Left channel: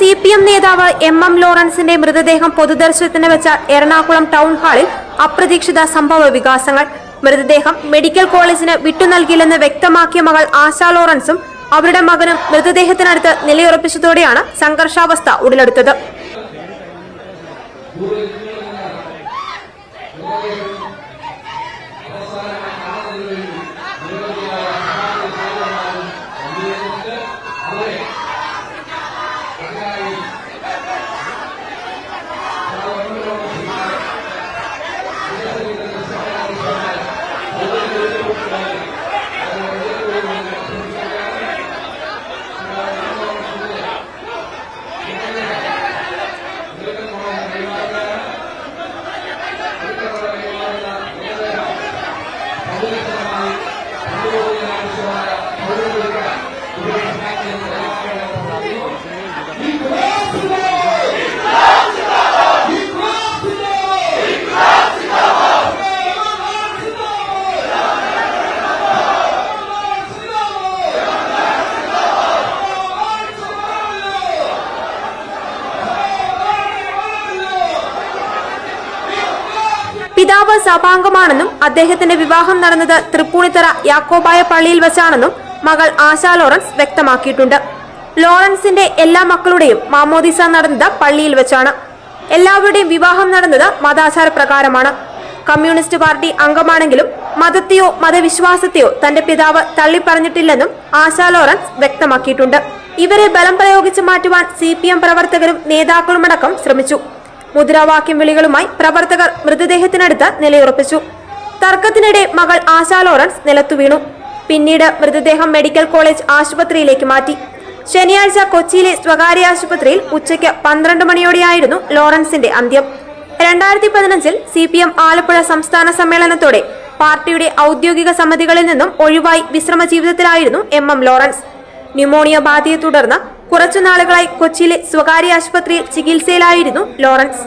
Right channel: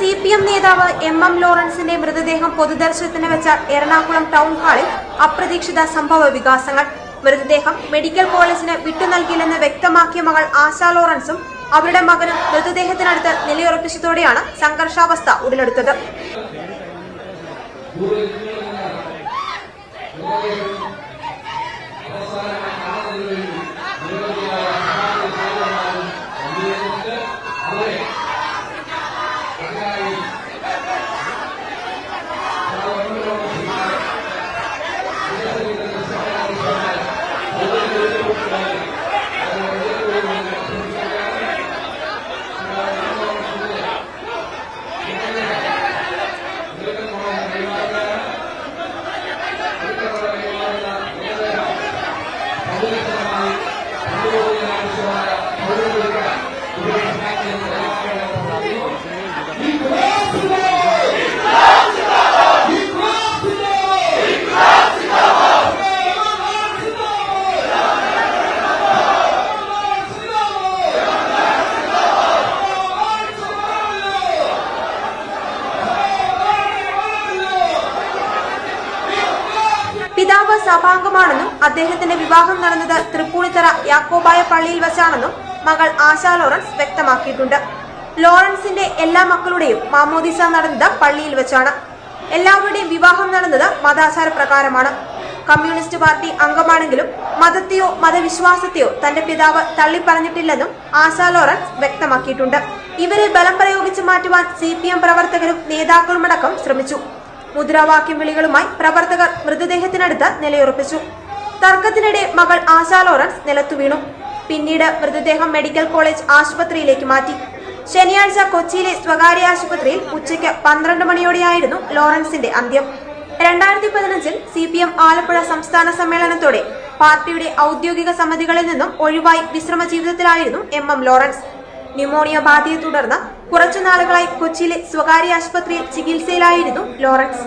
CPM നേതാവ് MM ലോറൻസിന്റെ മൃതദേഹം പൊതുദർശനത്തിന് വെച്ച എറണാകുളം ടൗൺ ഹാളിൽ അപ്രതീക്ഷിത സംഭവ വികാസങ്ങൾ. മൃതദേഹം മെഡിക്കൽ കോളേജിന് വിട്ടുനൽകില്ലെന്ന് വ്യക്തമാക്കിയ മകൾ ആശ ലോറൻസും അവരുടെ മകനും മൃതദേഹത്തിനടുത്ത് നിലയുറപ്പിച്ചതോടെയാണ് സംഘർഷാവസ്ഥ ഉടലെടുത്തത്. പിതാവ് സഭാംഗമാണെന്നും അദ്ദേഹത്തിന്റെ വിവാഹം നടന്നത് തൃപ്പൂണിത്തറ യാക്കോബായ പള്ളിയിൽ വെച്ചാണെന്നും മകൾ ആശ ലോറൻസ് വ്യക്തമാക്കിയിട്ടുണ്ട്. ലോറൻസിന്റെ എല്ലാ മക്കളുടെയും മാമോദിസ നടന്നത് പള്ളിയിൽ വെച്ചാണ്. എല്ലാവരുടെയും വിവാഹം നടന്നത് മതാചാര പ്രകാരമാണ്. കമ്മ്യൂണിസ്റ്റ് പാർട്ടി അംഗമാണെങ്കിലും മതത്തെയോ മതവിശ്വാസത്തെയോ തന്റെ പിതാവ് തള്ളിപ്പറഞ്ഞിട്ടില്ലെന്നും ആശ ലോറൻസ് വ്യക്തമാക്കിയിട്ടുണ്ട്. ഇവരെ ബലം പ്രയോഗിച്ച് മാറ്റുവാൻ CPM പ്രവർത്തകരും നേതാക്കളുമടക്കം ശ്രമിച്ചു. മുദ്രാവാക്യം വിളികളുമായി പ്രവർത്തകർ മൃതദേഹത്തിനടുത്ത് നിലയുറപ്പിച്ചു. തർക്കത്തിനിടെ മകൾ ആശ ലോറൻസ് നിലത്തു വീണു. പിന്നീട് മൃതദേഹം മെഡിക്കൽ കോളേജ് ആശുപത്രിയിലേക്ക് മാറ്റി. ശനിയാഴ്ച കൊച്ചിയിലെ സ്വകാര്യ ആശുപത്രിയിൽ ഉച്ചയ്ക്ക് 12 മണിയോടെയായിരുന്നു ലോറൻസിന്റെ അന്ത്യം. 2015 CPM ആലപ്പുഴ സംസ്ഥാന സമ്മേളനത്തോടെ പാർട്ടിയുടെ ഔദ്യോഗിക സമിതികളിൽ നിന്നും ഒഴിവായി വിശ്രമ ജീവിതത്തിലായിരുന്നു MM ലോറൻസ്. ന്യൂമോണിയ ബാധയെ തുടർന്ന് കുറച്ചു നാളുകളായി കൊച്ചിയിലെ സ്വകാര്യ ആശുപത്രിയിൽ ചികിത്സയിലായിരുന്നു ലോറൻസ്.